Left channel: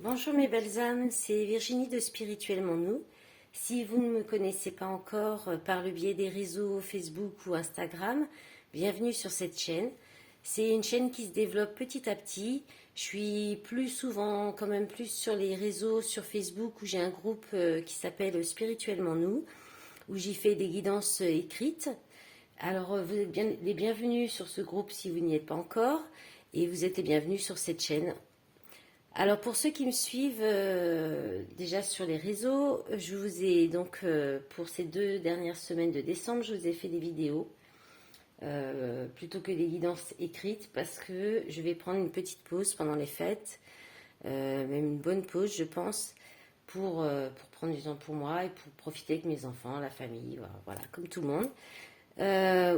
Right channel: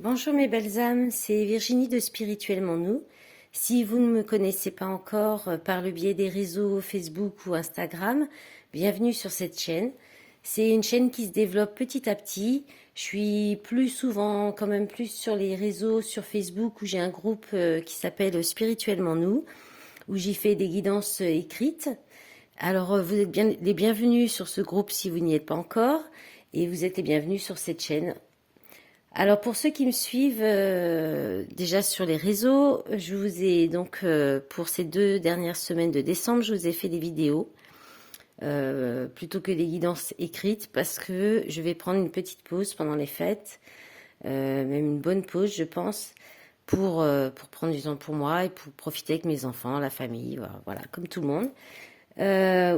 Bonjour mes belles âmes, c'est Virginie de Spirituellement Nous. Si vous ne me connaissez pas encore par le biais des réseaux Facebook ou Instagram, bienvenue sur cette chaîne. C'est une chaîne qui se développe petit à petit. Je suis plus souvent, quand même plus sur les réseaux, sur Facebook où j'ai un groupe qui s'appelle Spirituellement Nous, où j'y fais des guidances écrites. Alors vous êtes bien les bienvenus sur ce groupe si vous n'y êtes pas encore, et vous êtes les bienvenus sur cette chaîne. Alors pour ceux qui me suivent déjà sur les réseaux, je vous ai donc pour ces 2 dernières semaines de décembre, je vous ai fait des vidéos plutôt que des guidances écrites parce que je vais prendre une petite pause pendant les fêtes, même une bonne pause je pense, pour prendre du temps pour moi et pour profiter avec mes enfants, la famille, voilà, comme tout le monde,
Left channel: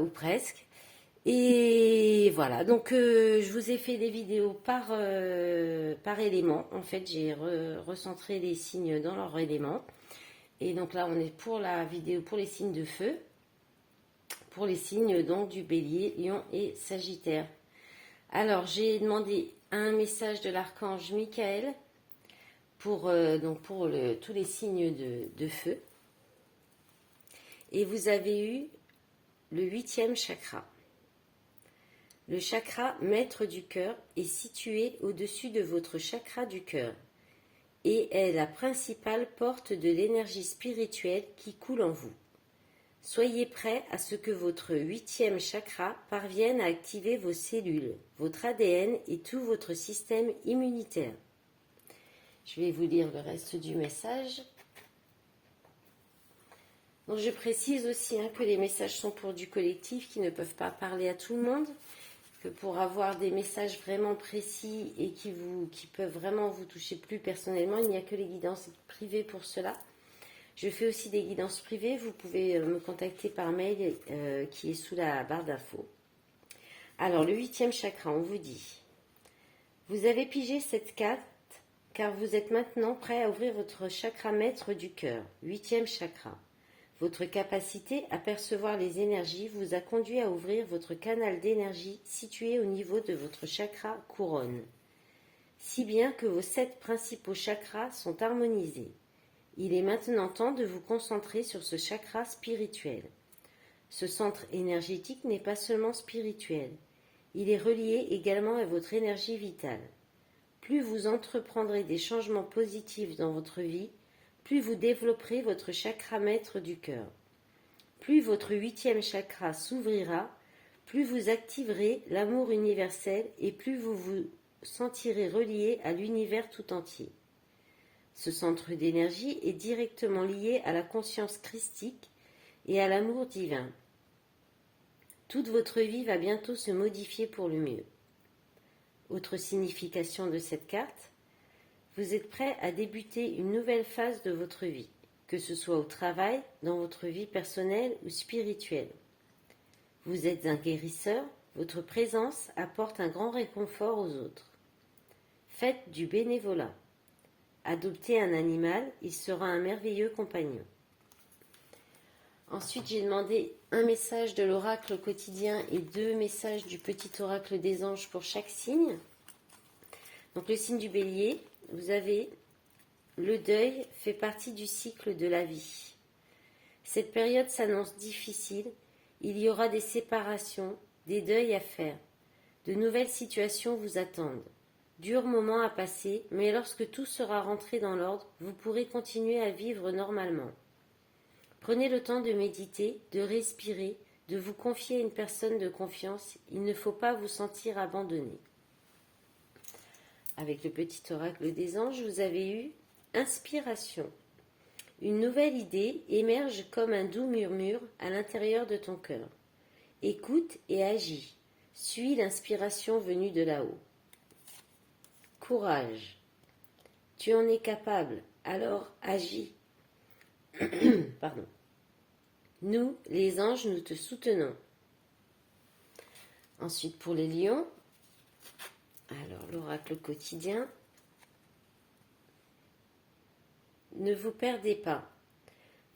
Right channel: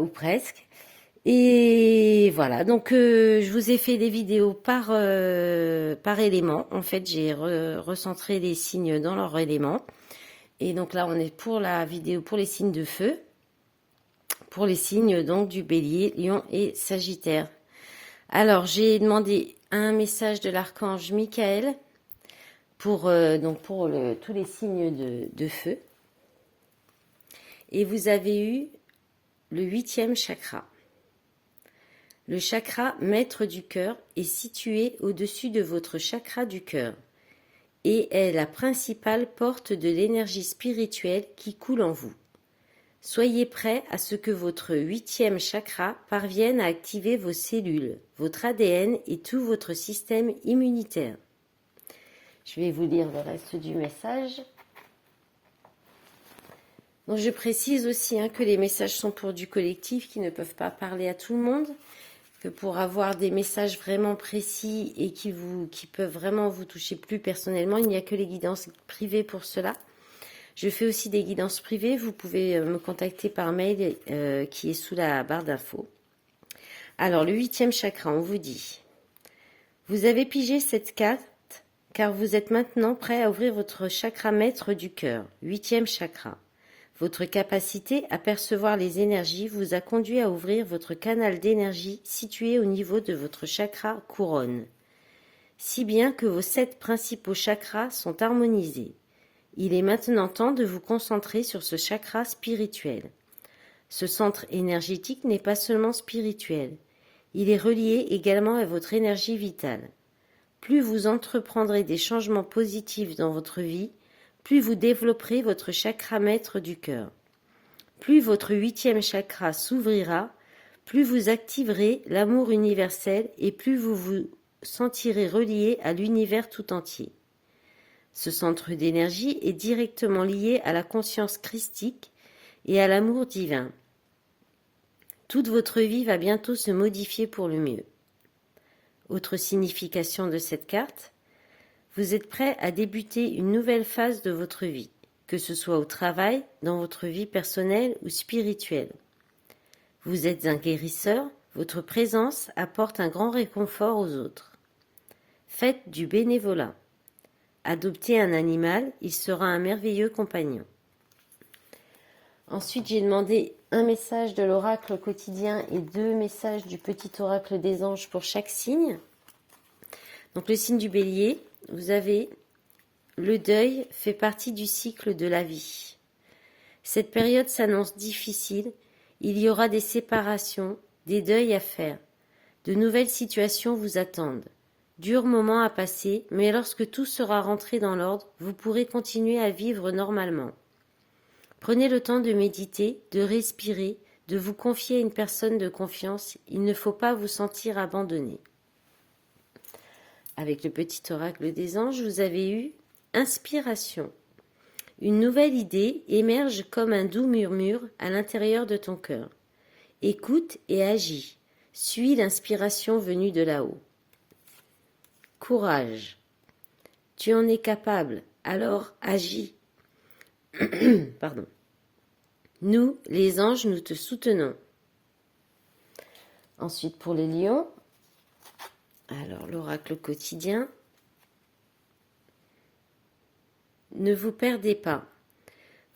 ou presque. Et voilà, donc je vous ai fait des vidéos par élément. En fait, j'ai recentré les signes dans leur élément. Et donc là, on est pour la vidéo pour les signes de feu, pour les signes donc du bélier, lion et sagittaire. Alors, j'ai demandé un message de l'archange Michael pour, tous les signes de feu. Et vous avez eu le 8e chakra. Le chakra maître du cœur est situé au-dessus de votre chakra du cœur et est la principale porte de l'énergie spirituelle qui coule en vous. Soyez prêts à ce que votre 8e chakra parvienne à activer vos cellules, votre ADN et tout votre système immunitaire. Je vais vous lire le reste du message. Donc je précise aussi que les messages sont pour du collectif qui ne peuvent pas parler à tout le monde. Que pour avoir des messages vraiment précis et qui peuvent vraiment vous toucher plus personnellement, il n'y a que les guidances privées pour cela. Je fais aussi des guidances privées, vous pouvez me contacter par mail qui est sous la barre d'infos. Alors, le 8e chakra, on vous dit, vous avez pigé cette carte car vous êtes maintenant prêt à ouvrir votre chakra maître du cœur, 8e chakra. Votre capacité à percevoir les énergies vous a conduit à ouvrir votre canal d'énergie situé au niveau de votre chakra couronne, si bien que vos 7 principaux chakras sont harmonisés. Il est maintenant temps de vous concentrer sur ce chakra spirituel. Ce centre énergétique n'est pas seulement spirituel, il est relié également à votre énergie vitale. Plus vous entreprendrez des changements positifs dans votre vie, plus vous développerez votre chakra maître du cœur. Plus votre 8e chakra s'ouvrira, plus vous activerez l'amour universel et plus vous vous sentirez relié à l'univers tout entier. Ce centre d'énergie est directement lié à la conscience christique et à l'amour divin. Toute votre vie va bientôt se modifier pour le mieux. Autre signification de cette carte, vous êtes prêt à débuter une nouvelle phase de votre vie, que ce soit au travail, dans votre vie personnelle ou spirituelle. Vous êtes un guérisseur, votre présence apporte un grand réconfort aux autres. Faites du bénévolat. Adoptez un animal, il sera un merveilleux compagnon. Ensuite, j'ai demandé un message de l'oracle quotidien et 2 messages du petit oracle des anges pour chaque signe. Donc le signe du bélier, vous avez le deuil fait partie du cycle de la vie. Cette période s'annonce difficile, il y aura des séparations, des deuils à faire. De nouvelles situations vous attendent. Durs moments à passer, mais lorsque tout sera rentré dans l'ordre, vous pourrez continuer à vivre normalement. Prenez le temps de méditer, de respirer, de vous confier à une personne de confiance. Il ne faut pas vous sentir abandonné. Avec le petit oracle des anges, vous avez eu inspiration. Une nouvelle idée émerge comme un doux murmure à l'intérieur de ton cœur. Écoute et agis. Suis l'inspiration venue de là-haut. Courage. Tu en es capable, alors agis. Pardon. Nous, les anges, nous te soutenons. Ensuite, pour les lions, alors l'oracle quotidien. Ne vous perdez pas.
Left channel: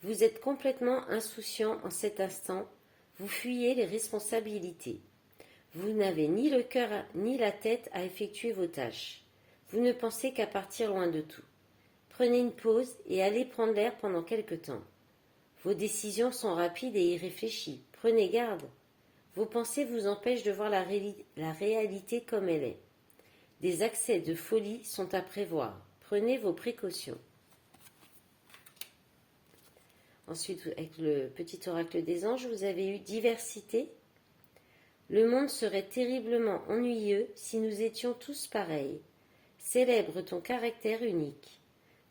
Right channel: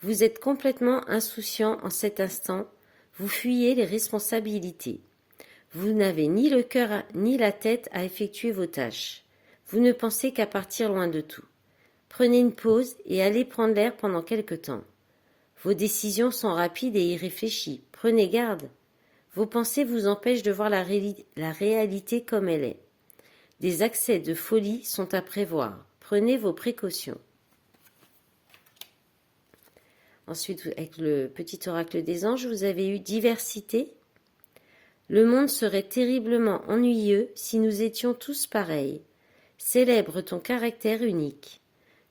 Vous êtes complètement insouciant en cet instant. Vous fuyez les responsabilités. Vous n'avez ni le cœur ni la tête à effectuer vos tâches. Vous ne pensez qu'à partir loin de tout. Prenez une pause et allez prendre l'air pendant quelque temps. Vos décisions sont rapides et irréfléchies. Prenez garde. Vos pensées vous empêchent de voir la réalité comme elle est. Des accès de folie sont à prévoir. Prenez vos précautions. Ensuite, avec le petit oracle des anges, vous avez eu diversité. Le monde serait terriblement ennuyeux si nous étions tous pareils. Célèbre ton caractère unique.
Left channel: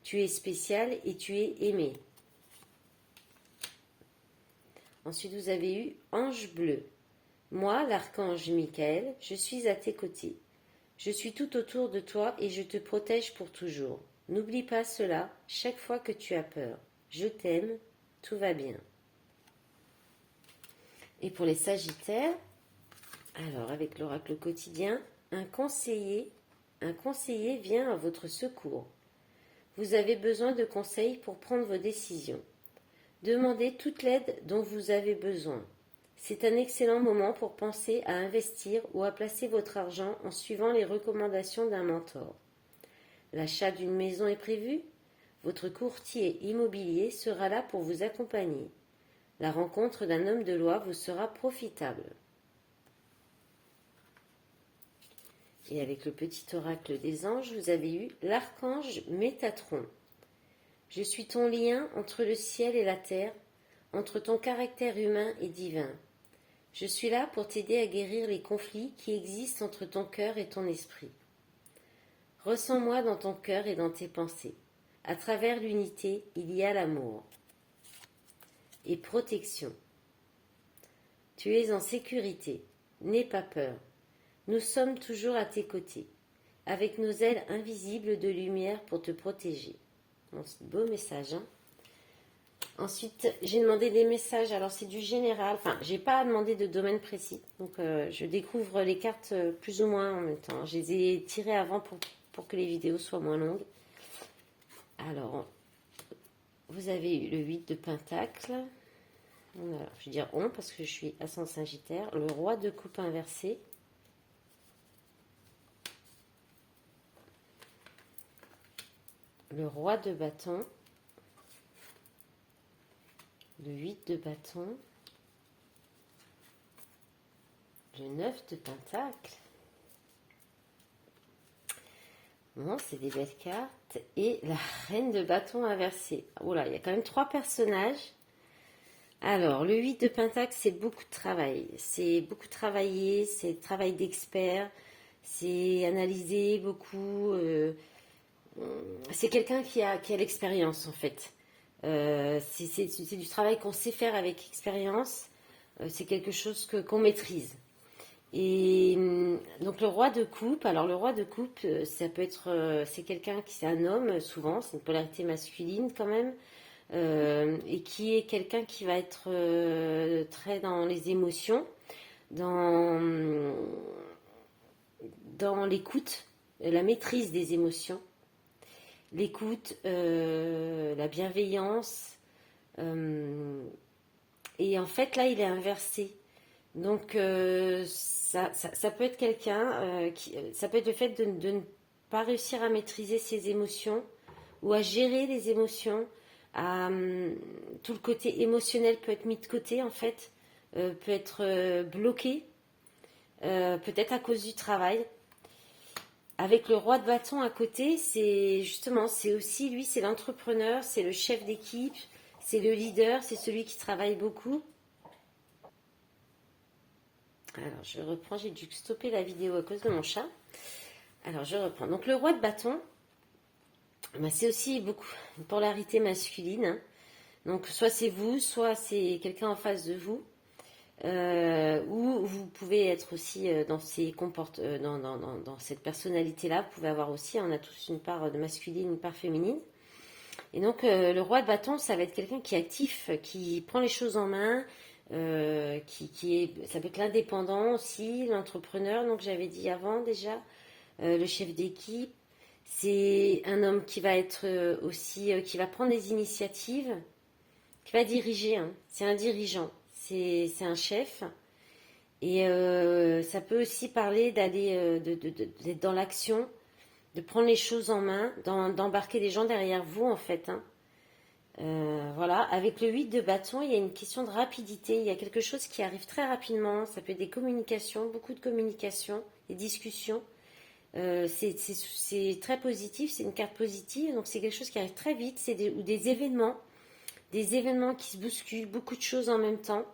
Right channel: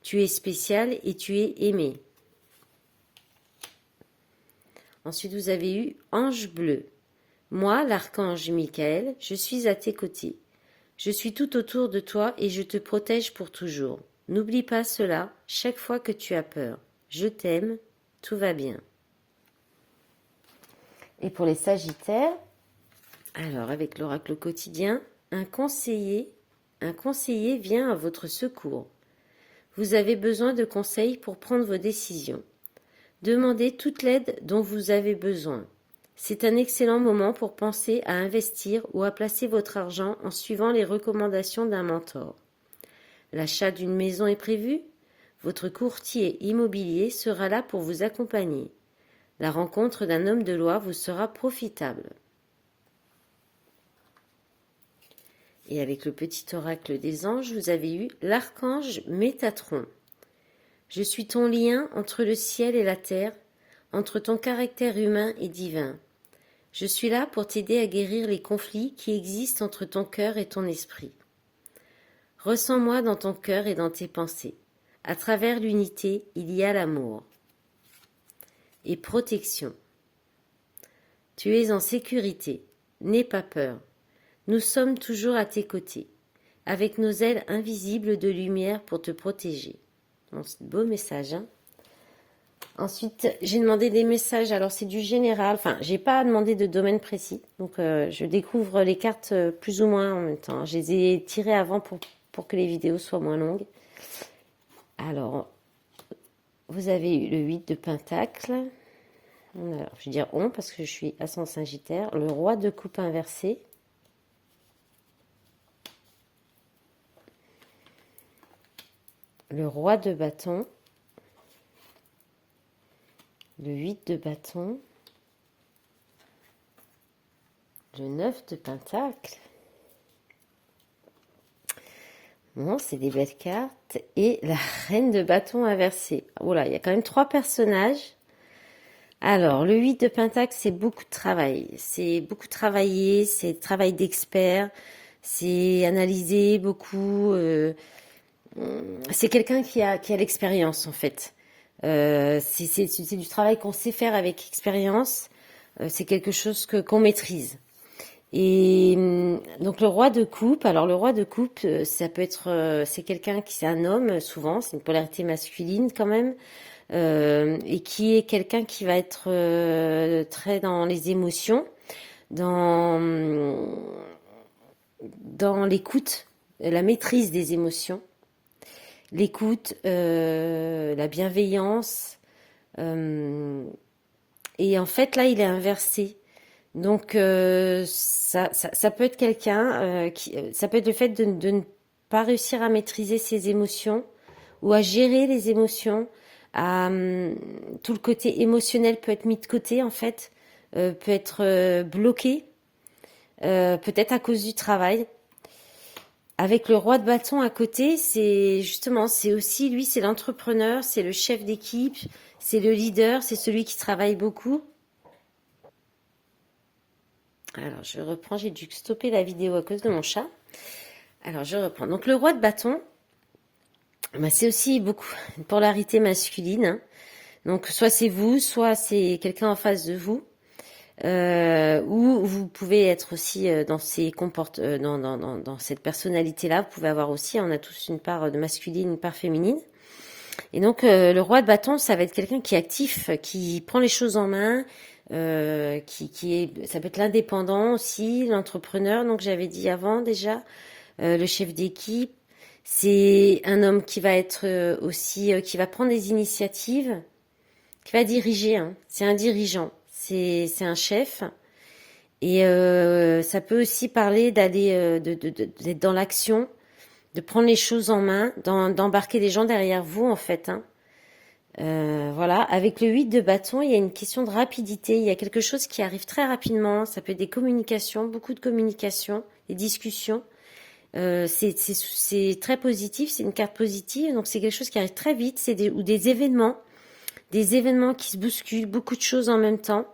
Tu es spécial et tu es aimé. Ensuite, vous avez eu ange bleu. Moi, l'archange Michael, je suis à tes côtés. Je suis tout autour de toi et je te protège pour toujours. N'oublie pas cela chaque fois que tu as peur. Je t'aime, tout va bien. Et pour les Sagittaires, alors avec l'oracle quotidien, un conseiller vient à votre secours. Vous avez besoin de conseils pour prendre vos décisions. Demandez toute l'aide dont vous avez besoin. C'est un excellent moment pour penser à investir ou à placer votre argent en suivant les recommandations d'un mentor. L'achat d'une maison est prévu? Votre courtier immobilier sera là pour vous accompagner. La rencontre d'un homme de loi vous sera profitable. Et avec le petit oracle des anges, vous avez eu l'archange Métatron. Je suis ton lien entre le ciel et la terre, entre ton caractère humain et divin. Je suis là pour t'aider à guérir les conflits qui existent entre ton cœur et ton esprit. Ressens-moi dans ton cœur et dans tes pensées. À travers l'unité, il y a l'amour. Et protection. Tu es en sécurité. N'aie pas peur. Nous sommes toujours à tes côtés, avec nos ailes invisibles de lumière pour te protéger. Bon, c'est un beau message, hein. Ensuite, j'ai demandé des messages. Alors, c'est du général. Enfin, j'ai pas demandé de domaine précis. Donc, je découvre les cartes plus ou moins en même temps. Je les ai tirées avant pour que les vidéos soient moins longues. Alors, vous avez eu le 8 de Pentacle. Alors, je vais dire on parce que je suis ascendant Sagittaire. Le roi de coupe inversé. Le roi de bâton. Le 8 de bâton. Le 9 de pentacle. Bon, c'est des belles cartes. Et la reine de bâton inversée. Voilà, il y a quand même 3 personnages. Alors, le 8 de pentacle, c'est beaucoup de travail. C'est beaucoup travailler, c'est travail d'expert. C'est analyser beaucoup. C'est quelqu'un qui a l'expérience, en fait. C'est du travail qu'on sait faire avec expérience. C'est quelque chose qu'on maîtrise. Et donc le roi de coupe, alors le roi de coupe, ça peut être, c'est quelqu'un qui, c'est un homme souvent, c'est une polarité masculine quand même, et qui est quelqu'un qui va être très dans les émotions, dans l'écoute, la maîtrise des émotions, l'écoute, la bienveillance, et en fait là il est inversé. Donc ça peut être quelqu'un ça peut être le fait de ne pas réussir à maîtriser ses émotions ou à gérer les émotions. Tout le côté émotionnel peut être mis de côté en fait, peut être bloqué, peut-être à cause du travail. Avec le roi de bâton à côté, c'est justement, c'est aussi lui, c'est l'entrepreneur, c'est le chef d'équipe, c'est le leader, c'est celui qui travaille beaucoup. Alors, je reprends, j'ai dû stopper la vidéo à cause de mon chat. Alors, je reprends. Donc, le roi de bâton, bah, c'est aussi beaucoup une polarité masculine, hein. Donc, soit c'est vous, soit c'est quelqu'un en face de vous. Ou vous pouvez être aussi dans cette personnalité-là. Vous pouvez avoir aussi, on a tous une part de masculine, une part féminine. Et donc, le roi de bâton, ça va être quelqu'un qui est actif, qui prend les choses en main, ça peut être l'indépendant aussi, l'entrepreneur, donc j'avais dit avant déjà, le chef d'équipe. C'est un homme qui va être aussi, qui va prendre des initiatives, qui va diriger, hein. C'est un dirigeant, c'est un chef. Et ça peut aussi parler d'aller d'être dans l'action, de prendre les choses en main, d'embarquer des gens derrière vous, en fait. Hein. Voilà, avec le 8 de bâton, il y a une question de rapidité, il y a quelque chose qui arrive très rapidement, ça peut être des communications, beaucoup de communications, des discussions. C'est très positif, c'est une carte positive, donc c'est quelque chose qui arrive très vite, ou des événements qui se bousculent, beaucoup de choses en même temps,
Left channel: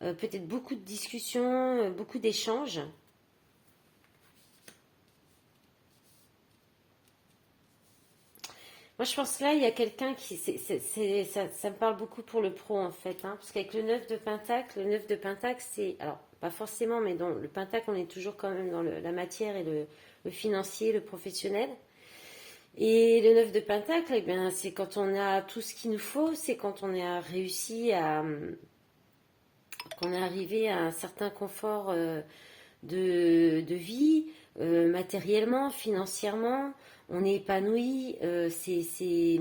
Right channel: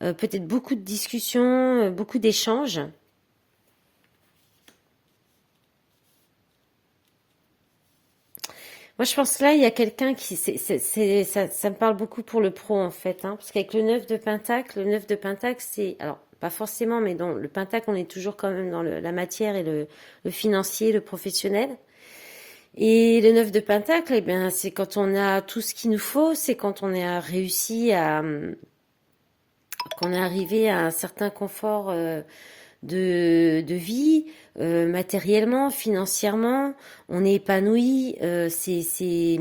peut-être beaucoup de discussions, beaucoup d'échanges. Moi, je pense que là, il y a quelqu'un qui... ça me parle beaucoup pour le pro, en fait. Hein, parce qu'avec le 9 de Pentacle, c'est... Alors, pas forcément, mais dans le Pentacle, on est toujours quand même dans la matière et le financier, le professionnel. Et le 9 de Pentacle, eh bien, c'est quand on a tout ce qu'il nous faut, c'est quand on a réussi à... qu'on est arrivé à un certain confort de vie, matériellement, financièrement, on est épanoui, c'est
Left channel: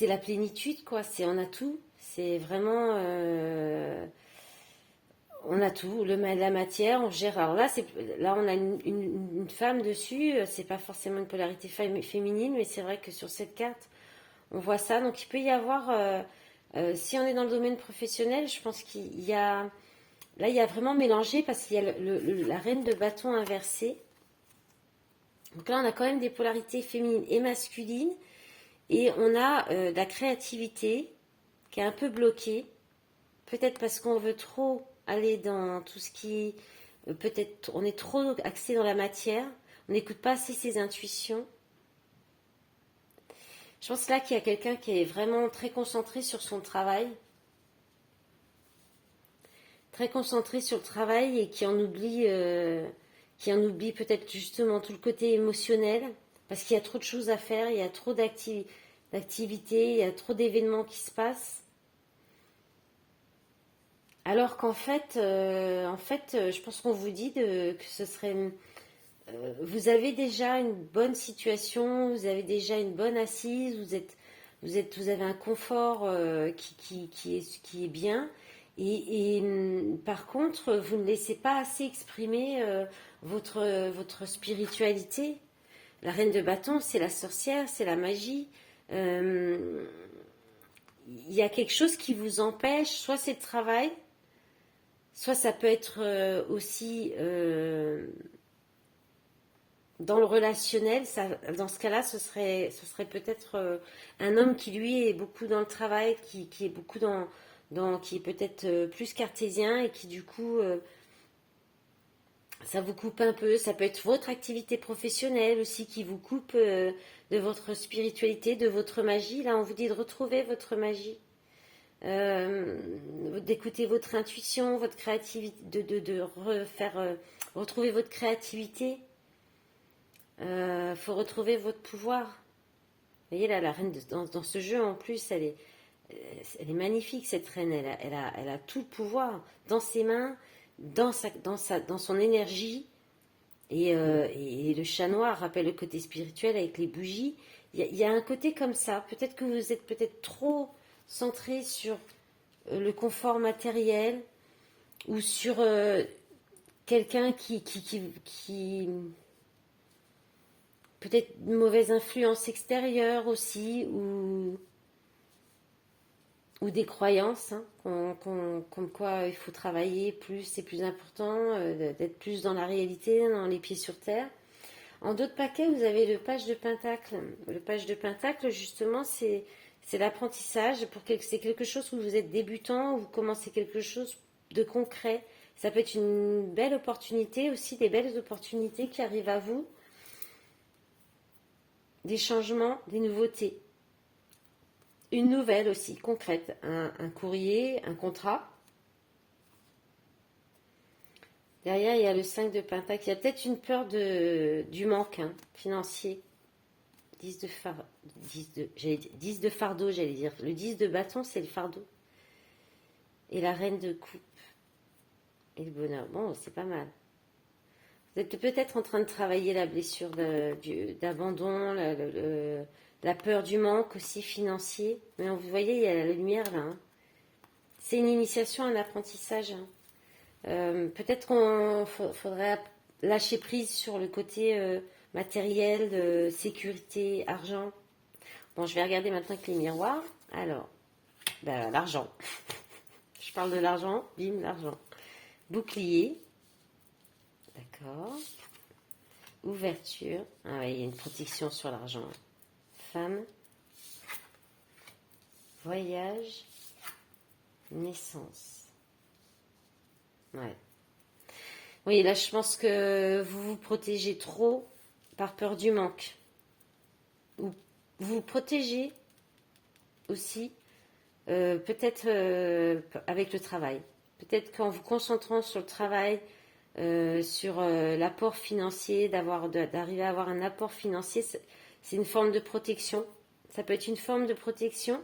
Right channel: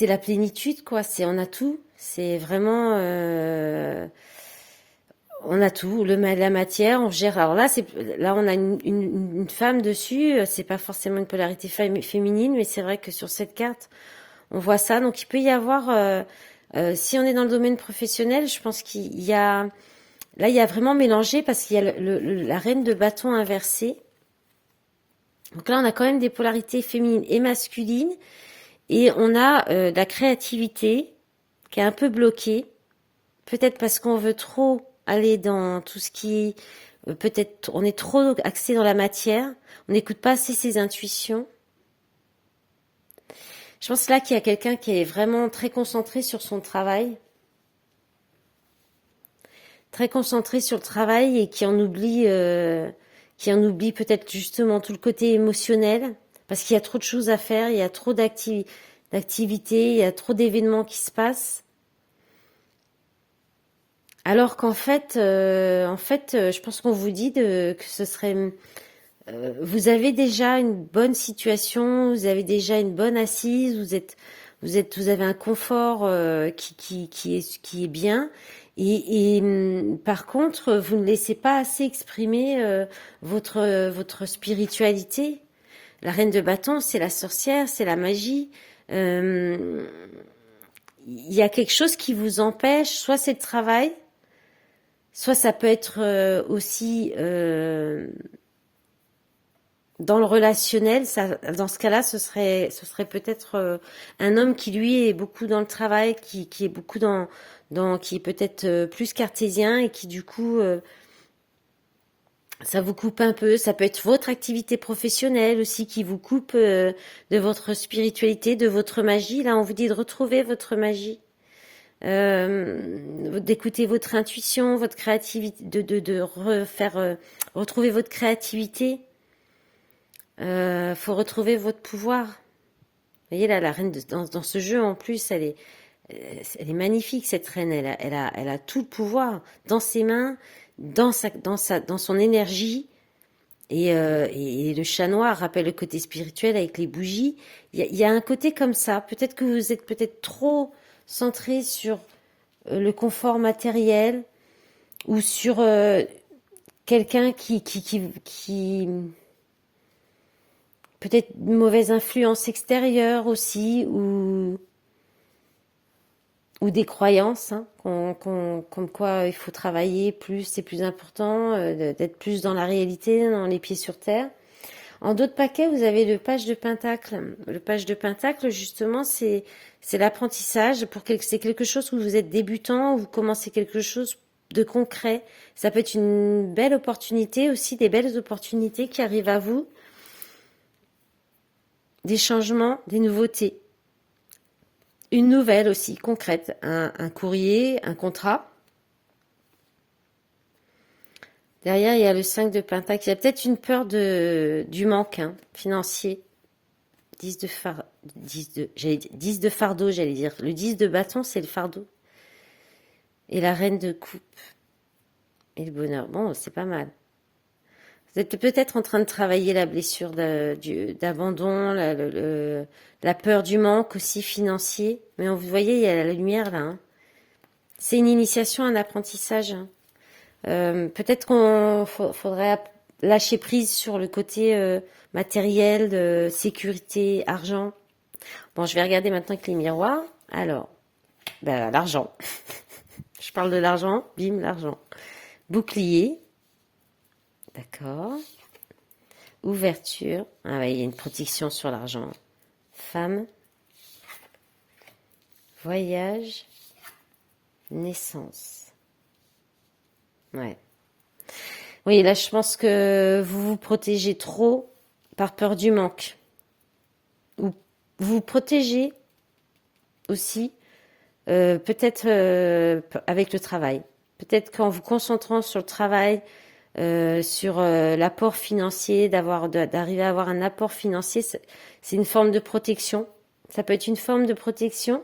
la plénitude, quoi. On a tout. C'est vraiment, on a tout. La matière, on gère. Alors là, on a une femme dessus. C'est pas forcément une polarité féminine, mais c'est vrai que sur cette carte, on voit ça. Donc il peut y avoir, si on est dans le domaine professionnel, je pense qu'il y a, là, il y a vraiment mélangé parce qu'il y a la reine de bâton inversée. Donc là, on a quand même des polarités féminines et masculines. Et on a la créativité qui est un peu bloquée. Peut-être parce qu'on veut trop aller dans tout ce qui... peut-être on est trop axé dans la matière. On n'écoute pas assez ses intuitions. Je pense là qu'il y a quelqu'un qui est vraiment très concentré sur son travail. Très concentré sur le travail et qui en oublie peut-être justement tout le côté émotionnel. Parce qu'il y a trop de choses à faire, il y a trop d'activités, il y a trop d'événements qui se passent. Alors qu'en fait, je pense qu'on vous dit que ce serait... vous avez déjà une bonne situation, vous avez déjà une bonne assise, vous avez un confort qui est bien. Et par contre, vous ne laissez pas assez exprimer votre spiritualité. La reine de bâton, c'est la sorcière, c'est la magie. Il y a quelque chose qui vous empêche, soit c'est le travail, soit ça peut être aussi dans le relationnel. Dans ce cas-là, ce serait peut-être un homme qui lui est beaucoup dans le travail, qui est beaucoup qui est peut-être plus cartésien et qui du coup ça vous coupe un peu. Ça peut être votre activité professionnelle aussi qui vous coupe de votre spiritualité, de votre magie. Là, on vous dit de retrouver votre magie. D'écouter votre intuition, votre créativité, de retrouver votre créativité. Faut retrouver votre pouvoir. Vous voyez là, la reine dans ce jeu en plus, elle est magnifique cette reine. Elle a tout le pouvoir dans ses mains, dans son énergie. Et le chat noir rappelle le côté spirituel avec les bougies. Il y a un côté comme ça. Peut-être que vous êtes peut-être trop centré sur le confort matériel ou sur quelqu'un qui peut-être une mauvaise influence extérieure aussi ou des croyances hein, comme quoi il faut travailler plus, c'est plus important, d'être plus dans la réalité, dans les pieds sur terre. En d'autres paquets, vous avez le page de Pentacle. Le page de Pentacle, justement, c'est l'apprentissage. C'est quelque chose où vous êtes débutant, où vous commencez quelque chose de concret. Ça peut être une belle opportunité aussi, des belles opportunités qui arrivent à vous. Des changements, des nouveautés. Une nouvelle aussi, concrète. Un courrier, un contrat. Derrière, il y a le 5 de Pentacle. Il y a peut-être une peur du manque hein, financier. 10 de fardeau, j'allais dire. Le 10 de bâton, c'est le fardeau. Et la reine de coupe. Et le bonheur. Bon, c'est pas mal. Vous êtes peut-être en train de travailler la blessure d'abandon, la peur du manque aussi financier. Mais vous voyez, il y a la lumière là. Hein. C'est une initiation, un apprentissage. Hein. Peut-être qu'on faudrait lâcher prise sur le côté matériel, de sécurité, argent. Bon, je vais regarder maintenant avec les miroirs. Alors, ben, l'argent. Je parle de l'argent, bim, l'argent. Bouclier. D'accord. Ouverture. Ah ouais, il y a une protection sur l'argent. Femme. Voyage. Naissance. Ouais. Oui, là, je pense que vous vous protégez trop par peur du manque. Ou vous vous protégez aussi, peut-être avec le travail. Peut-être qu'en vous concentrant sur le travail, sur l'apport financier, d'arriver à avoir un apport financier, c'est une forme de protection. Ça peut être une forme de protection.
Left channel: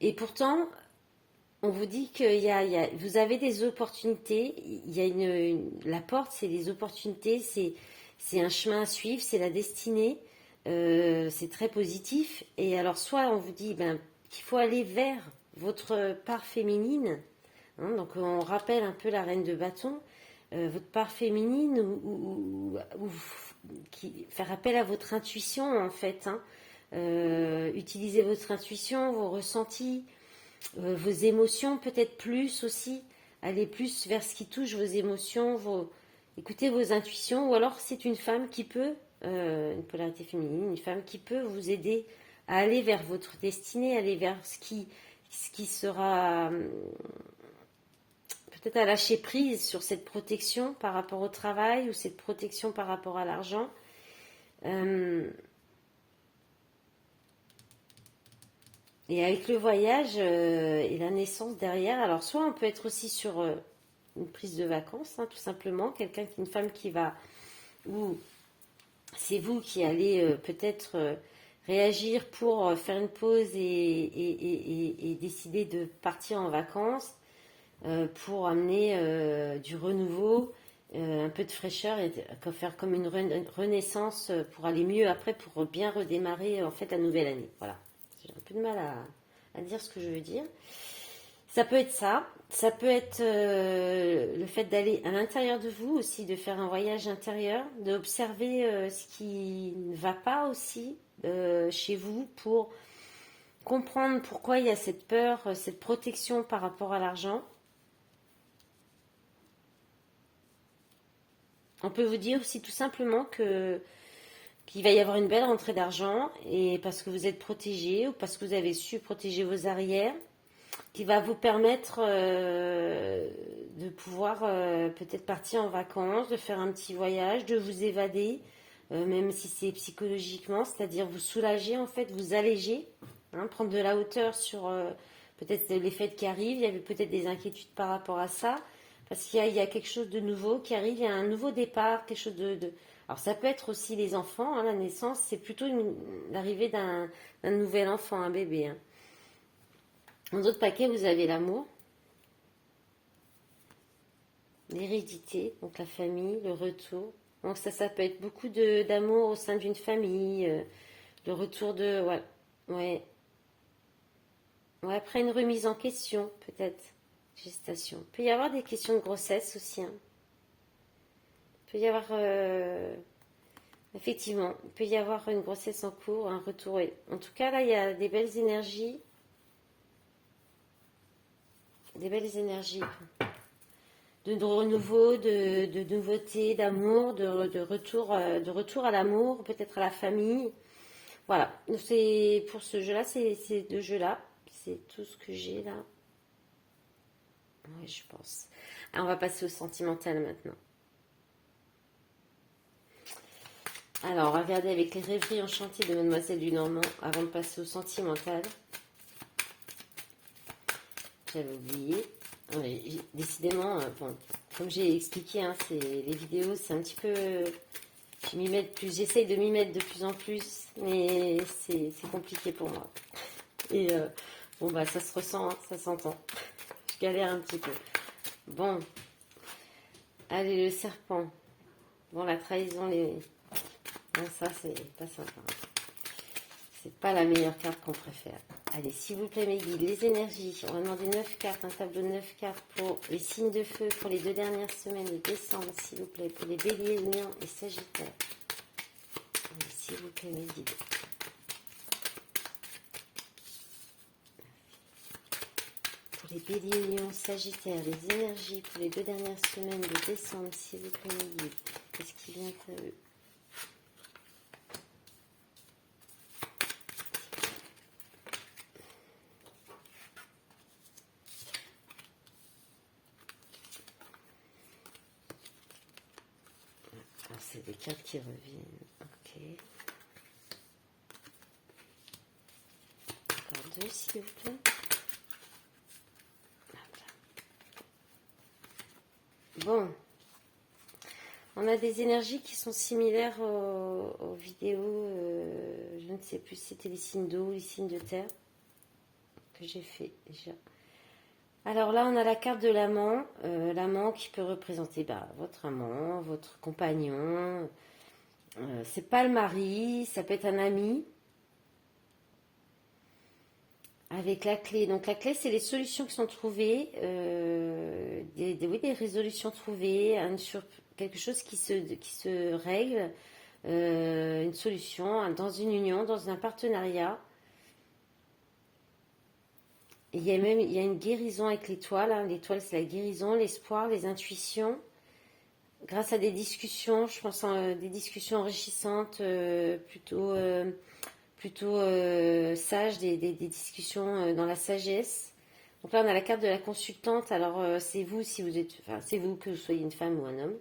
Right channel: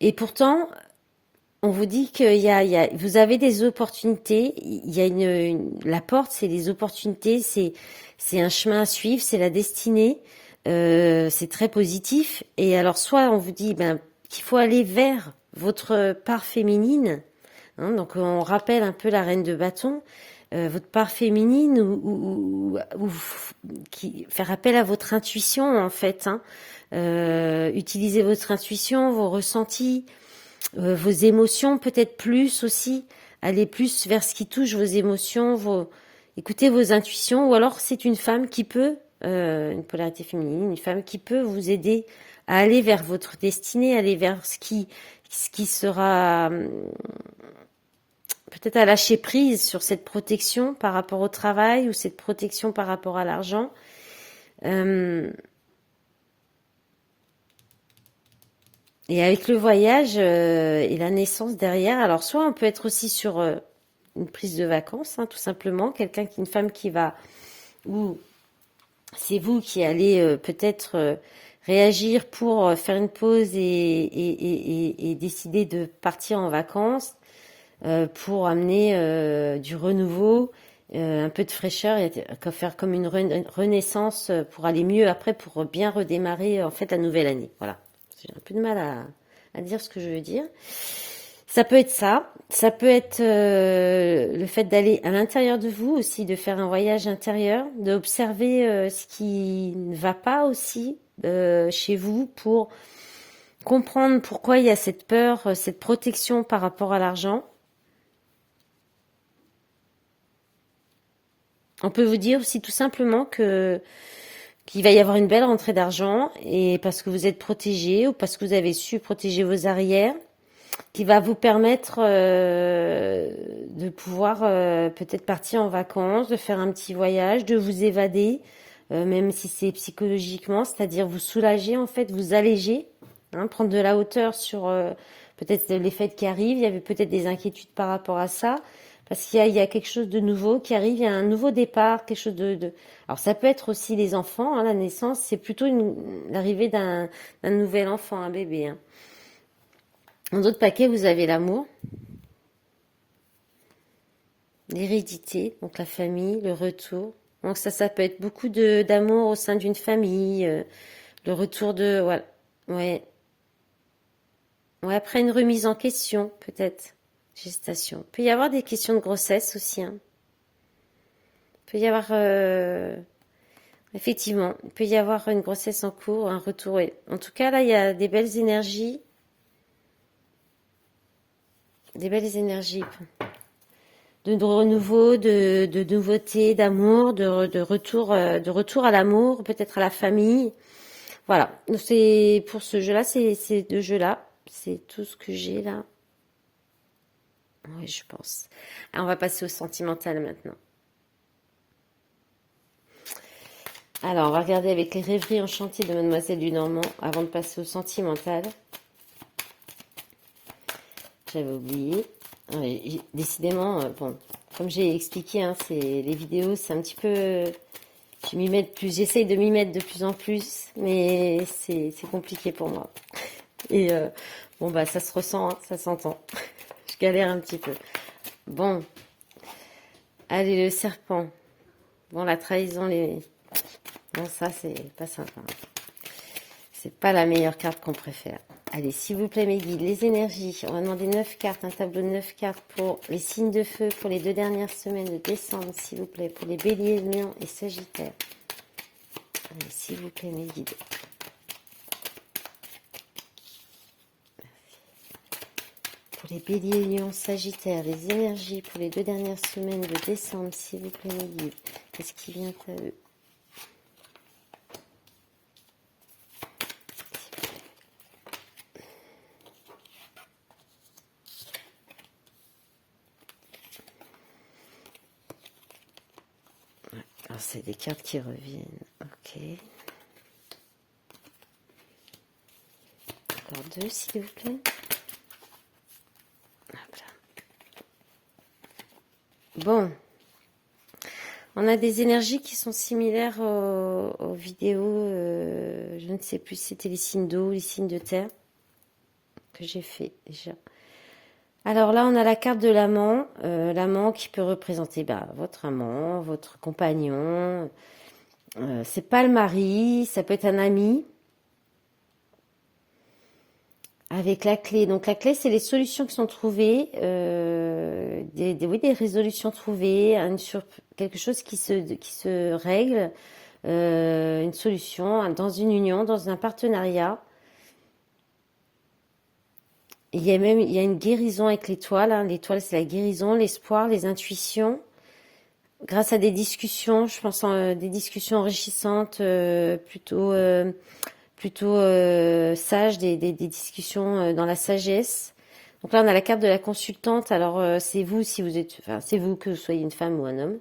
Et pourtant, on vous dit que vous avez des opportunités. Il y a la porte, c'est les opportunités, c'est un chemin à suivre, c'est la destinée. C'est très positif. Et alors, soit on vous dit qu'il faut aller vers votre part féminine. Hein, donc, on rappelle un peu la reine de bâton. Votre part féminine ou faire appel à votre intuition, en fait. Hein. Utilisez votre intuition, vos ressentis. Vos émotions peut-être plus aussi, allez plus vers ce qui touche vos émotions, écoutez vos intuitions, ou alors c'est une femme qui peut, une polarité féminine, une femme qui peut vous aider à aller vers votre destinée, aller vers ce qui sera peut-être à lâcher prise sur cette protection par rapport au travail ou cette protection par rapport à l'argent. Et avec le voyage et la naissance derrière, alors soit on peut être aussi sur une prise de vacances, hein, tout simplement, une femme qui va, ou c'est vous qui allez peut-être réagir pour faire une pause et décider de partir en vacances pour amener du renouveau, un peu de fraîcheur et faire comme une renaissance pour aller mieux après, pour bien redémarrer en fait la nouvelle année. Voilà. J'ai un peu de mal à dire ce que je veux dire. Ça peut être ça. Ça peut être le fait d'aller à l'intérieur de vous aussi, de faire un voyage intérieur, d'observer ce qui ne va pas aussi chez vous pour comprendre pourquoi il y a cette peur, cette protection par rapport à l'argent. On peut vous dire aussi tout simplement qu'il va y avoir une belle rentrée d'argent et parce que vous êtes protégé ou parce que vous avez su protéger vos arrières, qui va vous permettre de pouvoir peut-être partir en vacances, de faire un petit voyage, de vous évader, même si c'est psychologiquement, c'est-à-dire vous soulager en fait, vous alléger, hein, prendre de la hauteur sur peut-être les fêtes qui arrivent. Il y avait peut-être des inquiétudes par rapport à ça. Parce qu'il y a quelque chose de nouveau qui arrive, il y a un nouveau départ, quelque chose de... Alors ça peut être aussi les enfants, hein, la naissance, c'est plutôt l'arrivée d'un nouvel enfant, un bébé. Hein. Dans d'autres paquets, vous avez l'amour, l'hérédité, donc la famille, le retour. Donc ça peut être beaucoup d'amour au sein d'une famille, le retour de... Voilà. Ouais. Ouais, après une remise en question, peut-être. Gestation. Il peut y avoir des questions de grossesse aussi. Hein. Il peut y avoir... Effectivement, il peut y avoir une grossesse en cours, un retour. Ouais. En tout cas, là, il y a des belles énergies. Des belles énergies. De renouveau, de nouveauté, d'amour, de retour à l'amour, peut-être à la famille. Voilà. C'est pour ce jeu-là, ces deux jeux-là. C'est tout ce que j'ai là. Oui, je pense. Alors, on va passer au sentimental maintenant. Alors, on va regarder avec les rêveries enchantées de Mademoiselle du Normand avant de passer au sentimental. J'avais oublié. Oui, décidément, bon, comme j'ai expliqué, hein, les vidéos, c'est un petit peu... J'essaye de m'y mettre de plus en plus, mais c'est compliqué pour moi. Et bon, bah, ça se ressent, hein, ça s'entend. Je galère un petit peu. Bon. Allez, le serpent. Bon, la trahison, Bon, ça, c'est pas sympa. C'est pas la meilleure carte qu'on préfère. Allez, s'il vous plaît, mes guides, les énergies. On va demander 9 cartes, un tableau de 9 cartes pour les signes de feu pour les 2 dernières semaines de décembre, s'il vous plaît, pour les béliers, lions et sagittaires. Allez, s'il vous plaît, mes guides. Pour les béliers, lions, sagittaires, les énergies pour les 2 dernières semaines de décembre, s'il vous plaît, mes guides. Qu'est-ce qui vient à eux? Alors, c'est des cartes qui reviennent. Ok. Encore 2, s'il vous plaît. Bon. On a des énergies qui sont similaires aux vidéos. Je ne sais plus si c'était les signes d'eau ou les signes de terre que j'ai fait déjà. Alors là, on a la carte de l'amant. L'amant qui peut représenter votre amant, votre compagnon. C'est pas le mari, ça peut être un ami. Avec la clé. Donc la clé, c'est les solutions qui sont trouvées, des résolutions trouvées, quelque chose qui se règle, une solution dans une union, dans un partenariat. Il y a une guérison avec l'étoile. Hein. L'étoile, c'est la guérison, l'espoir, les intuitions. Grâce à des discussions, je pense des discussions enrichissantes, plutôt sages, des discussions dans la sagesse. Donc là, on a la carte de la consultante. Alors, c'est vous, si vous êtes, enfin, c'est vous que vous soyez une femme ou un homme.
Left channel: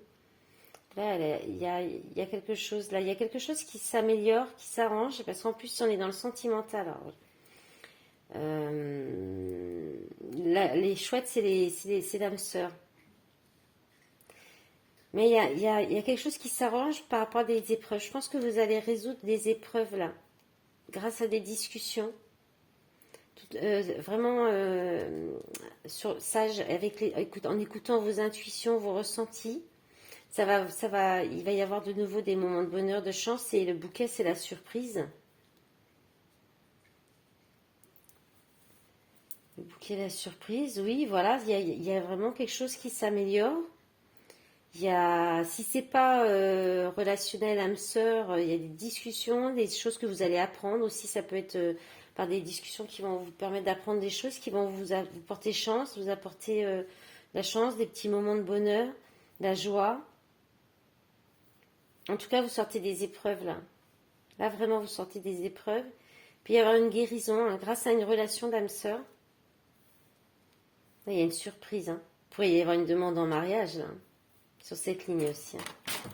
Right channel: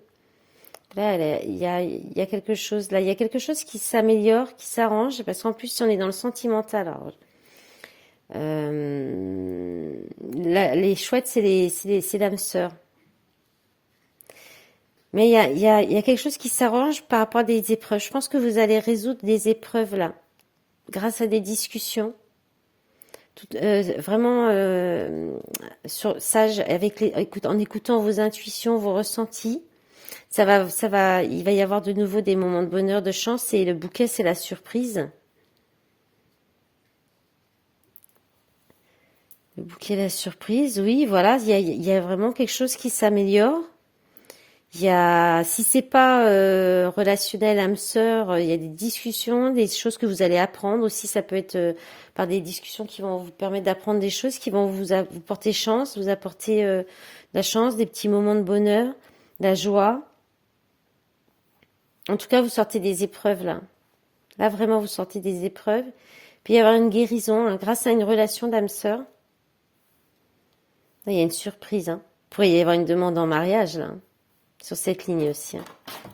Là, il y a quelque chose. Là, il y a quelque chose qui s'améliore, qui s'arrange, parce qu'en plus, on est dans le sentimental. Alors, les chouettes, c'est l'âme sœur. Mais il y a quelque chose qui s'arrange par rapport à des épreuves. Je pense que vous allez résoudre des épreuves là, grâce à des discussions. Vraiment sage, en écoutant vos intuitions, vos ressentis. Il va y avoir de nouveau des moments de bonheur, de chance. Et le bouquet, c'est la surprise. Le bouquet, la surprise, oui, voilà. Il y a vraiment quelque chose qui s'améliore. Si c'est pas relationnel, âme sœur, il y a des discussions, des choses que vous allez apprendre aussi. Ça peut être par des discussions qui vont vous permettre d'apprendre des choses qui vont vous porter chance, vous apporter la chance, des petits moments de bonheur, de la joie. En tout cas, vous sortez des épreuves là. Là, vraiment, vous sortez des épreuves. Puis il y avoir une guérison grâce à une relation d'âme sœur. Là, il y a une surprise. Hein. Il pourrait y avoir une demande en mariage là. Sur cette ligne aussi. Hein. Oh,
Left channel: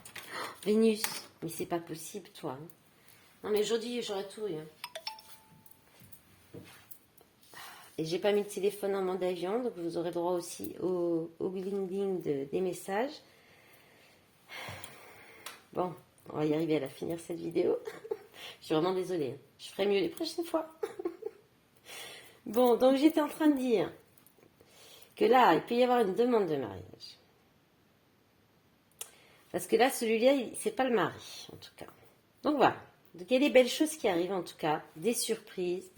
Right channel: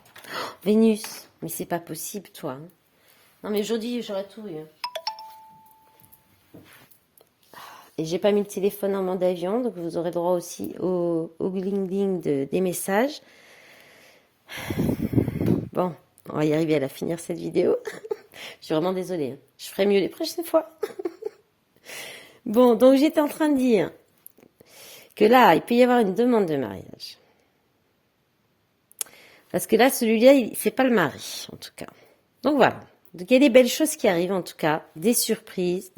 Vénus, mais c'est pas possible, toi. Hein. Non, mais aujourd'hui, j'aurais tout eu. Hein. Et j'ai pas mis le téléphone en mode avion, donc vous aurez droit aussi au gling-gling des messages. Bon, on va y arriver à la finir cette vidéo. Je suis vraiment désolée. Hein. Je ferai mieux les prochaines fois. Bon, donc j'étais en train de dire que là, il peut y avoir une demande de mariage. Parce que là, celui-là, c'est pas le mari, en tout cas. Donc voilà. Donc il y a des belles choses qui arrivent, en tout cas. Des surprises,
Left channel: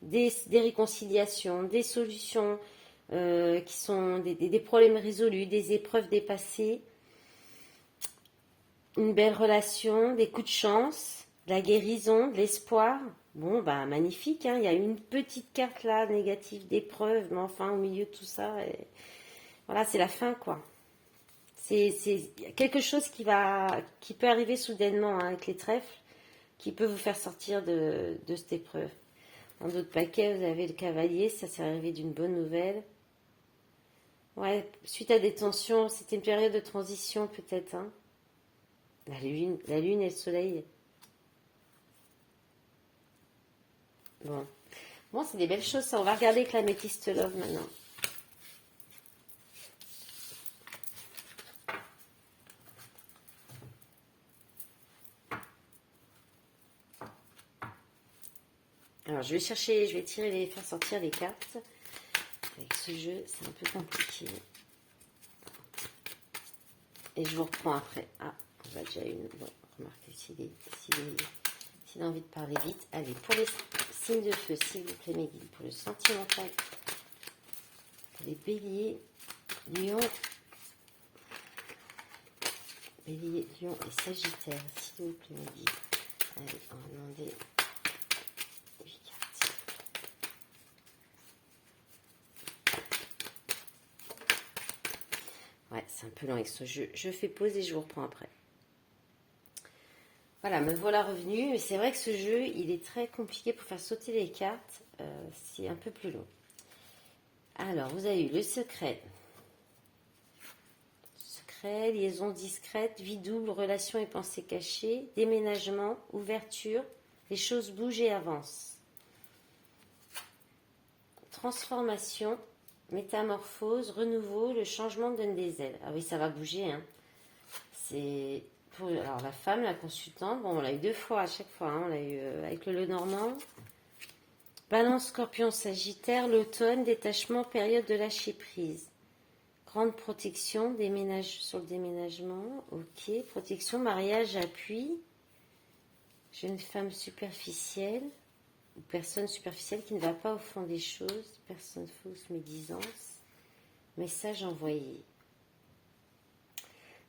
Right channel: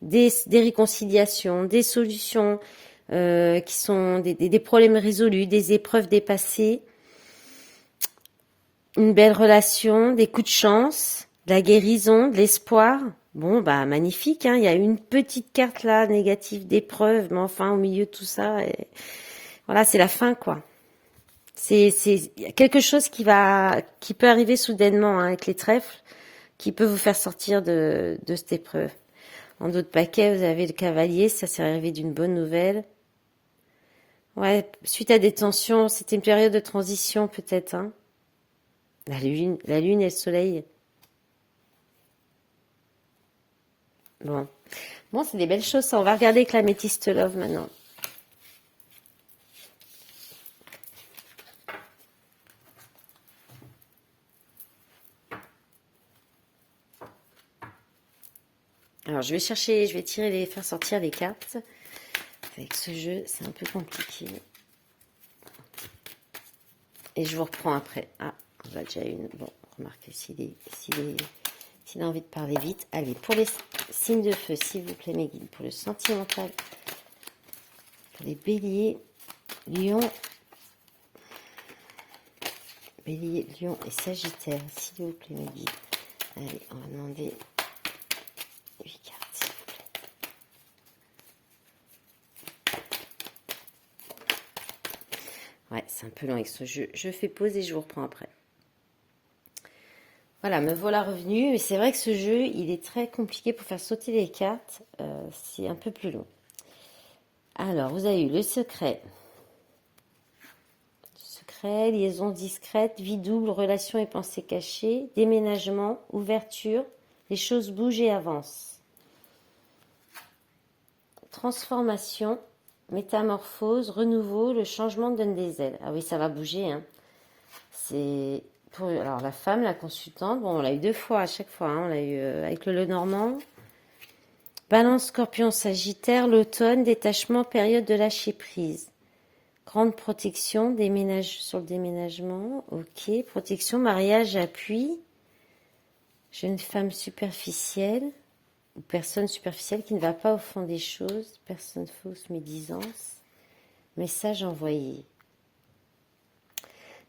des réconciliations, des solutions qui sont des problèmes résolus, des épreuves dépassées. Une belle relation, des coups de chance, de la guérison, de l'espoir. Bon, magnifique. Hein. Il y a une petite carte là, négative d'épreuve, mais enfin, au milieu de tout ça, voilà, c'est la fin, quoi. C'est quelque chose qui peut arriver soudainement hein, avec les trèfles, qui peut vous faire sortir de cette épreuve. En d'autres paquets, vous avez le cavalier, ça s'est arrivé d'une bonne nouvelle. Ouais, suite à des tensions, c'était une période de transition peut-être. Hein. La lune et le soleil. Bon, c'est des belles choses. Ça. On va regarder avec la Métiste Love maintenant. Alors, je vais faire sortir les cartes. Avec ce jeu, c'est un peu compliqué. Et je vous reprends après. Ah, on a déjà une. Bon, remarquez, si S'il a envie de parler vite. Allez, pour les signes de feu, s'il vous plaît, mes guides. Pour le sentimental. Pour les béliers, lion. Bélier, lion et sagittaire. S'il vous plaît, mes guides. Allez, on va demander 8 cartes. Ouais, c'est un peu long avec ce jeu. Je fais pause et je vous reprends après. Voilà, me voilà revenu. Mais c'est vrai que ce jeu, il est très compliqué pour faire sauter les cartes. C'est un peu plus long. Alors, vous avez eu le secret. Secret, liaison discrète, vie double, relation et pensée cachée, déménagement, ouverture, les choses bougent et avancent. Transformation, métamorphose, renouveau, le changement donne des ailes. Ah oui, ça va bouger, hein. C'est pour alors la femme, la consultante. Bon, on l'a eu 2 fois à chaque fois, hein. On l'a eu avec le Lenormand. Balance, Scorpion, Sagittaire, l'automne, détachement, période de lâcher prise. Grande protection, déménage sur le déménagement. Ok, protection, mariage, appui. Jeune femme superficielle ou personne superficielle qui ne va pas au fond des choses. Personne fausse, médisance. Message envoyé.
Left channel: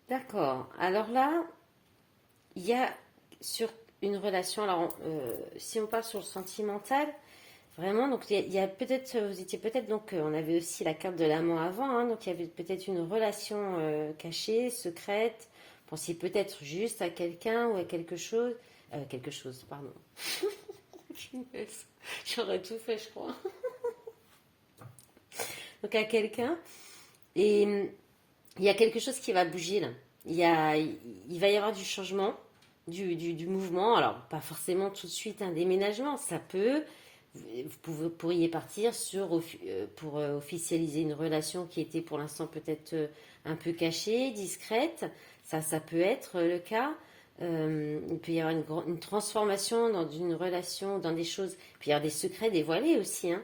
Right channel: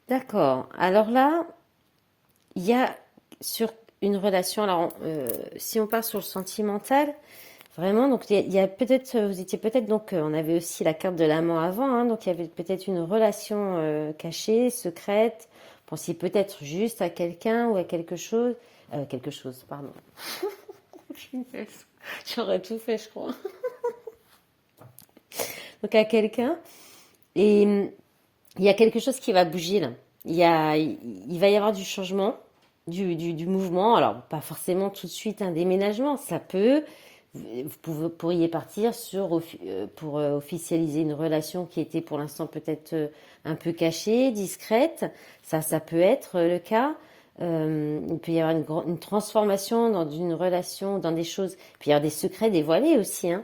D'accord. Alors là, il y a sur une relation, alors si on part sur le sentimental, vraiment, donc il y a peut-être, vous étiez peut-être, donc on avait aussi la carte de l'amant avant, hein, donc il y avait peut-être une relation cachée, secrète, pensiez peut-être juste à quelqu'un ou à quelque chose, pardon. J'aurais tout fait, je crois. Donc à quelqu'un, et il y a quelque chose qui va bouger là. Il va y avoir du changement, du mouvement. Alors, pas forcément tout de suite un déménagement. Ça peut. Vous pourriez partir pour officialiser une relation qui était pour l'instant peut-être un peu cachée, discrète. Ça peut être le cas. Il peut y avoir une transformation dans une relation, dans des choses. Il peut y avoir des secrets dévoilés aussi, hein.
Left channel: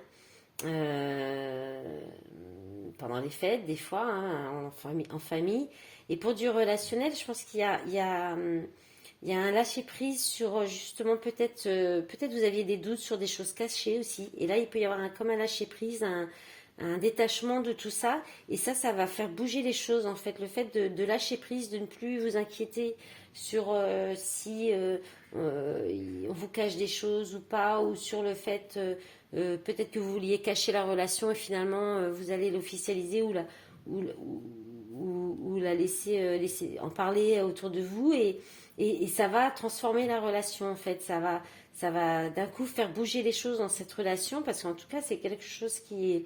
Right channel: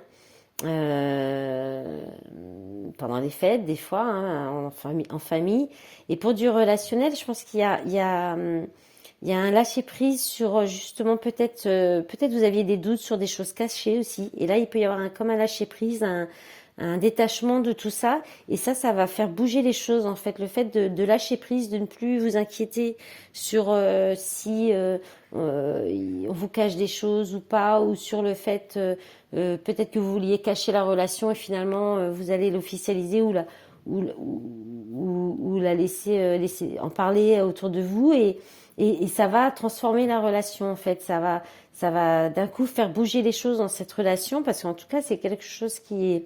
Pendant les fêtes, des fois, hein, en famille. Et pour du relationnel, je pense qu'il y a un lâcher-prise sur justement peut-être vous aviez des doutes sur des choses cachées aussi. Et là, il peut y avoir comme un lâcher-prise, un détachement de tout ça. Et ça va faire bouger les choses en fait. Le fait de lâcher prise, de ne plus vous inquiéter sur si on vous cache des choses ou pas, ou sur le fait peut-être que vous vouliez cacher la relation et finalement vous allez l'officialiser ou la laisser en parler autour de vous et ça va transformer la relation en fait. Ça va d'un coup faire bouger les choses dans cette relation parce qu'en tout cas c'est quelque chose c'est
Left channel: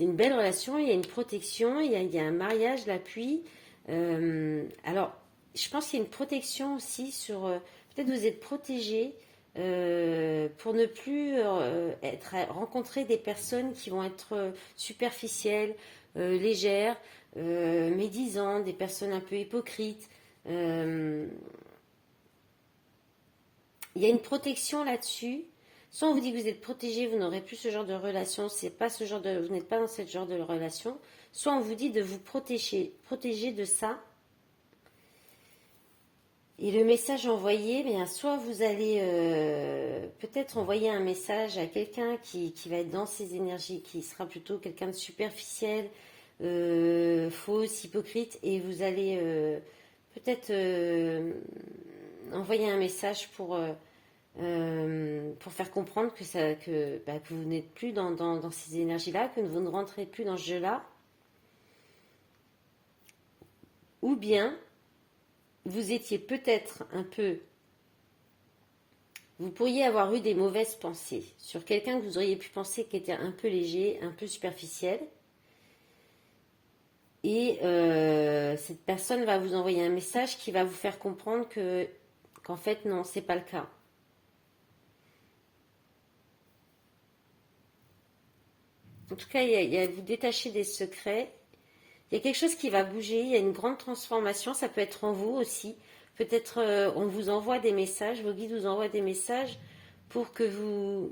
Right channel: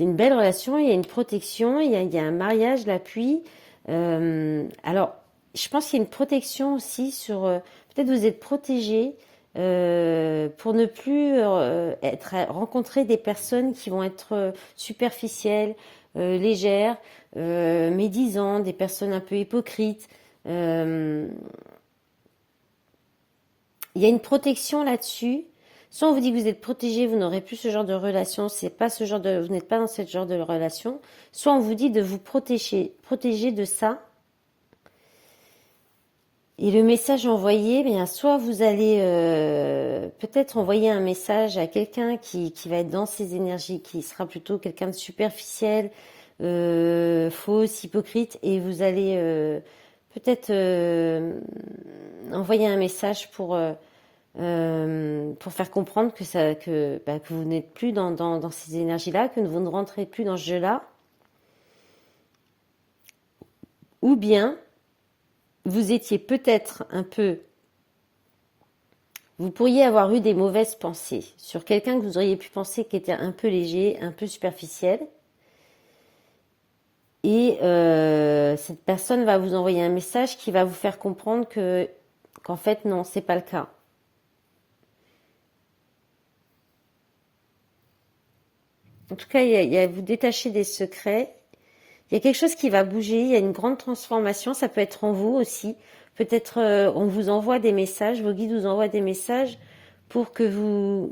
une belle relation, il y a une protection, il y a un mariage, l'appui. Alors je pense qu'il y a une protection aussi sur peut-être vous êtes protégé pour ne plus rencontrer des personnes qui vont être superficielles, légères, médisantes, des personnes un peu hypocrites. Il y a une protection là-dessus. Soit on vous dit que vous êtes protégé, vous n'aurez plus ce genre de relation, c'est pas vous n'êtes pas dans ce genre de relation. Soit on vous dit de vous protéger de ça. Et le message envoyé, bien, soit vous allez peut-être envoyer un message à quelqu'un qui va être dans ces énergies, qui sera plutôt quelqu'un de superficiel, fausse, hypocrite, et vous allez peut-être envoyer un message pour faire comprendre que vous n'êtes plus dans ces énergies-là, que vous ne rentrez plus dans ce jeu-là. Ou bien vous étiez peut-être vous pourriez avoir eu des mauvaises pensées sur quelqu'un que vous auriez pu penser qui était un peu léger, un peu superficiel. Et cette personne va vous envoyer un message qui va vous faire comprendre qu'en fait, non, c'est pas le cas. En tout cas, il y a vous détacher des secrets. Il y a quelque chose qui va bouger, il y a une grande transformation, ça peut être en vous aussi. Peut-être on vous envoie des messages, vos guides vous envoient des messages pour que vous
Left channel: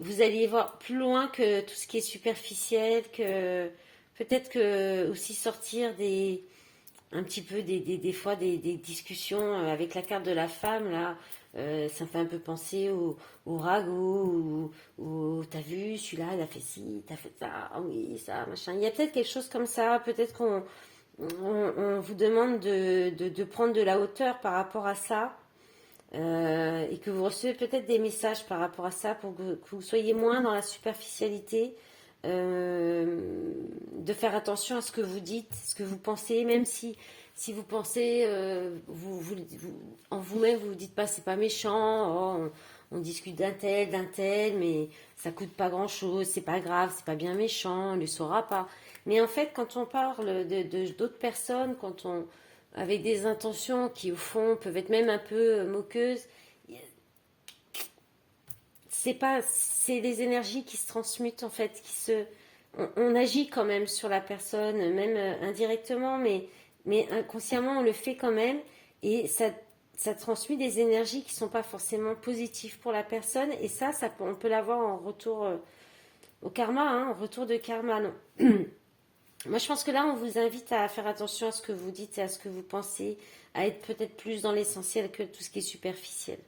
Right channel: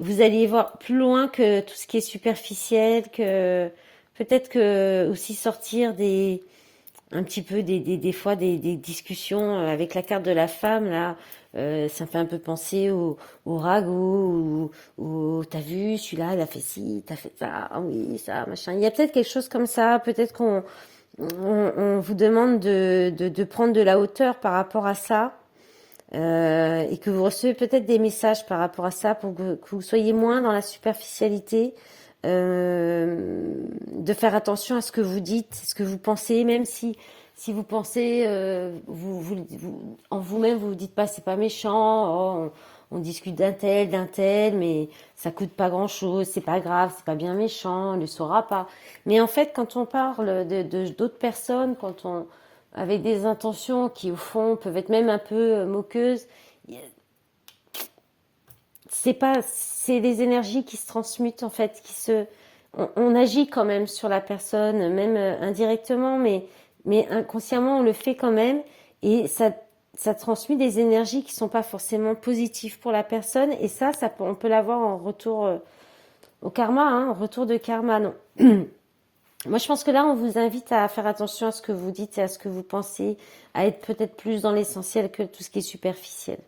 alliez voir plus loin que tout ce qui est superficiel, que peut-être que aussi sortir un petit peu des fois des discussions avec la carte de la femme, là, ça me fait un peu penser au ragoût, ou t'as vu, celui-là, il a fait ci, t'as fait ça, ah oui, ça, machin. Il y a peut-être quelque chose comme ça, peut-être on vous demande de prendre de la hauteur par rapport à ça, et que vous recevez peut-être des messages par rapport à ça pour que vous soyez moins dans la superficialité, de faire attention à ce que vous dites, ce que vous pensez, même si vous pensez, en vous-même, vous vous dites pas, c'est pas méchant, oh, on discute d'un tel, mais ça coûte pas grand-chose, c'est pas grave, c'est pas bien méchant, on ne le saura pas. Mais en fait, quand on parle d'autres personnes, avec des intentions qui, au fond, peuvent être même un peu moqueuses, c'est les énergies qui se transmutent, en fait, on agit quand même sur la personne, même indirectement, mais inconsciemment, on le fait quand même, et ça transmet des énergies qui sont pas forcément positives pour la personne, et on peut l'avoir en retour au karma, hein, en retour de karma, non. Moi, je pense que là, on vous invite à faire attention à ce que vous dites et à ce que vous pensez, à être peut-être plus dans l'essentiel que tout ce qui est superficiel.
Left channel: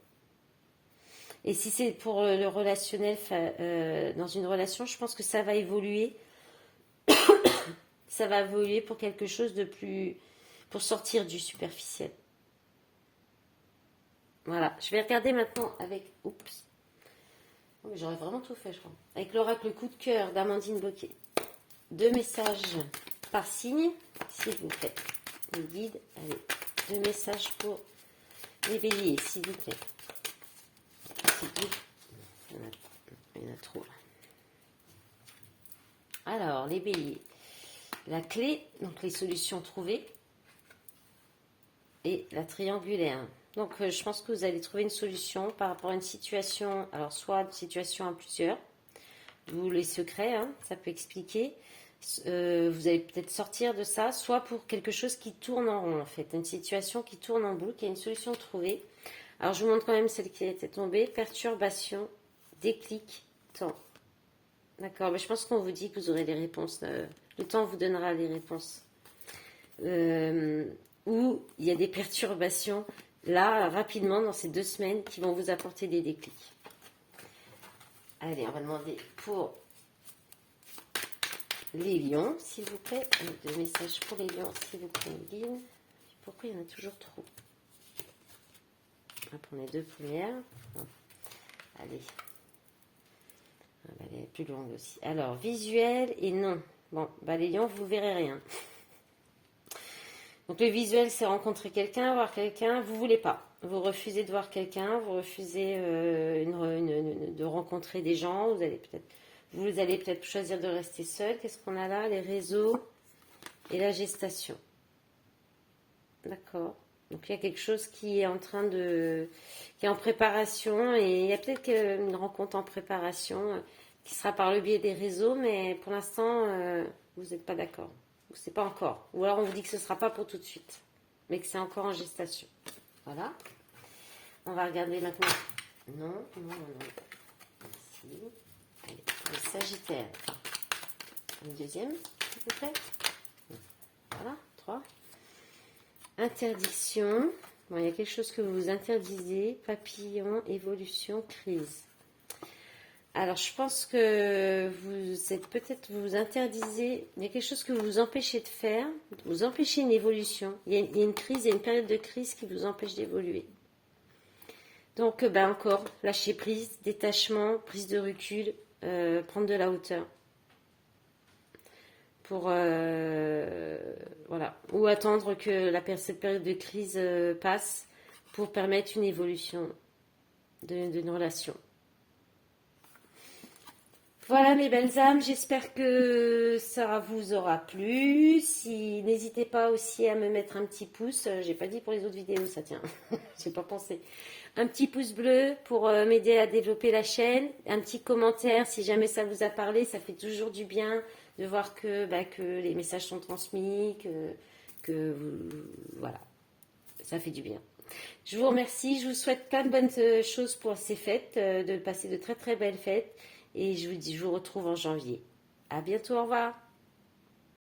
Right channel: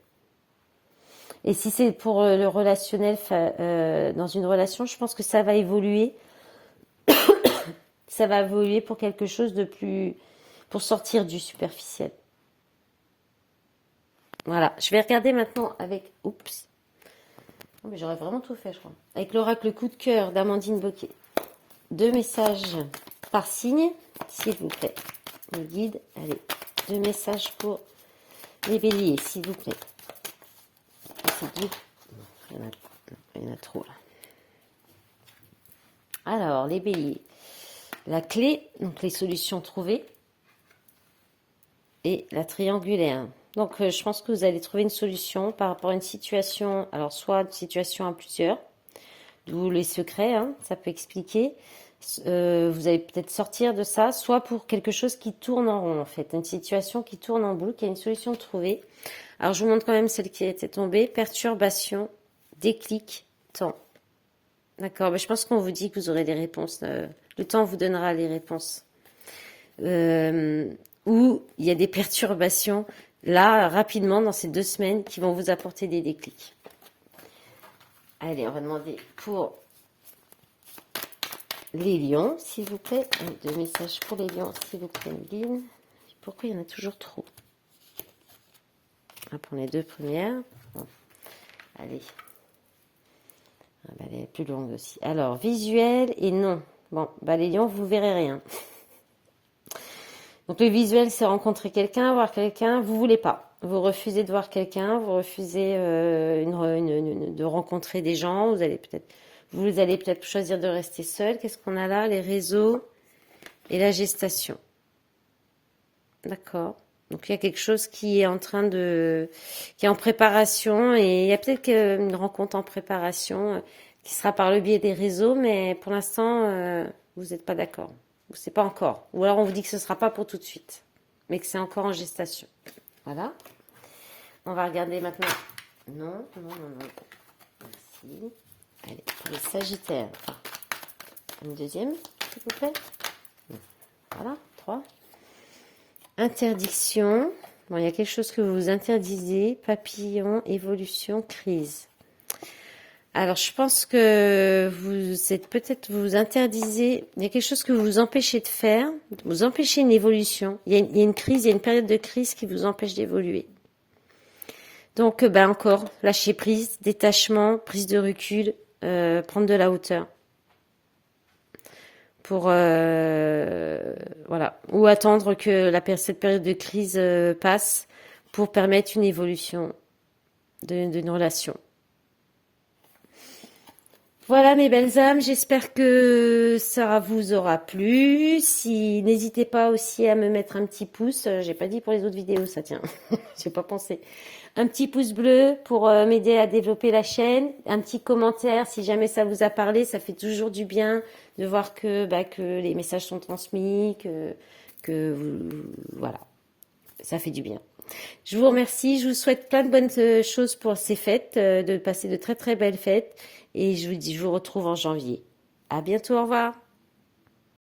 Et si c'est pour le relationnel, dans une relation, je pense que ça va évoluer. Ça va évoluer pour quelque chose de plus... pour sortir du superficiel. Voilà. Je vais regarder maintenant avec... Oups. Oh, mais j'aurais vraiment tout fait, je crois. Avec l'oracle coup de cœur d'Amandine Bocquet. 2 messages par signe, s'il vous plaît. Le guide, allez. 2 messages pour les béliers, s'il vous plaît. Il y en a trop, là. Alors, les béliers. La clé, donc les solutions trouvées. Et la triangulaire. Donc, je pense que vous allez trouver une solution par rapport à une situation. Alors, soit une situation à plusieurs, d'où les secrets, hein, ça peut expliquer. Vous allez peut-être sortir de ça, soit pour quelque chose qui tourne en rond, en fait. Une situation qui tourne en boucle, il y a une solution trouvée. Alors, je vous montre quand même celle qui était tombée. Perturbation, déclic, temps. D'accord, mais je pense qu'on vous dit que vous aurez les réponses. Le temps vous donnera les réponses. Où il y a des perturbations, là, rapidement, dans ces 2 semaines, qui vont vous apporter des déclics. Allez, on va demander pour les lions, s'il vous plaît. 2 messages pour les lions, s'il vous plaît, Méline. Pourquoi il y en a toujours trop? Pour les 2 premières. Bon. Allez. Elle est plus longue aussi. Alors, visuel et non. Bon, les lions, vous verrez rien. Donc, le visuel, c'est rencontrer quelqu'un, voir quelqu'un. Vous voulez pas. Vous refusez de voir quelqu'un. Vous refusez de rencontrer des gens. Vous allez peut-être choisir de rester seul. Qu'est-ce qu'on a là? Les réseaux et la gestation. D'accord. Donc, il y a quelque chose qui est qui est en préparation, et il y a peut-être une rencontre en préparation qui sera par le biais des réseaux, mais pour l'instant, vous n'êtes pas d'accord. C'est pas encore. Ou alors, on vous dit que ce ne sera pas pour tout de suite, mais que c'est encore en gestation. Voilà. On va regarder maintenant. Non. Merci. Allez, les Sagittaires. Une deuxième, s'il vous plaît. Voilà, 3. Interdiction. Bon, il y a quelque chose que vous interdisez. Papillon, évolution, crise. Alors, je pense que vous interdisez. Il y a quelque chose que vous vous empêchez de faire. Vous empêchez une évolution. Il y a une crise, il y a une période de crise qui vous empêche d'évoluer. Donc, encore, lâcher prise, détachement, prise de recul, prendre de la hauteur. Pour voilà, ou attendre que cette période de crise passe pour permettre une évolution d'une relation. Voilà mes belles âmes, j'espère que ça vous aura plu. N'hésitez pas aussi à me mettre un petit pouce. J'ai pas dit pour les autres vidéos, ça tient. J'ai pas pensé. Un petit pouce bleu pour m'aider à développer la chaîne. Un petit commentaire si jamais ça vous a parlé. Ça fait toujours du bien de voir que les messages sont transmis, voilà. Ça fait du bien. Je vous remercie. Je vous souhaite plein de bonnes choses pour ces fêtes, de passer de très très belles fêtes. Et je vous retrouve en janvier. À bientôt, au revoir.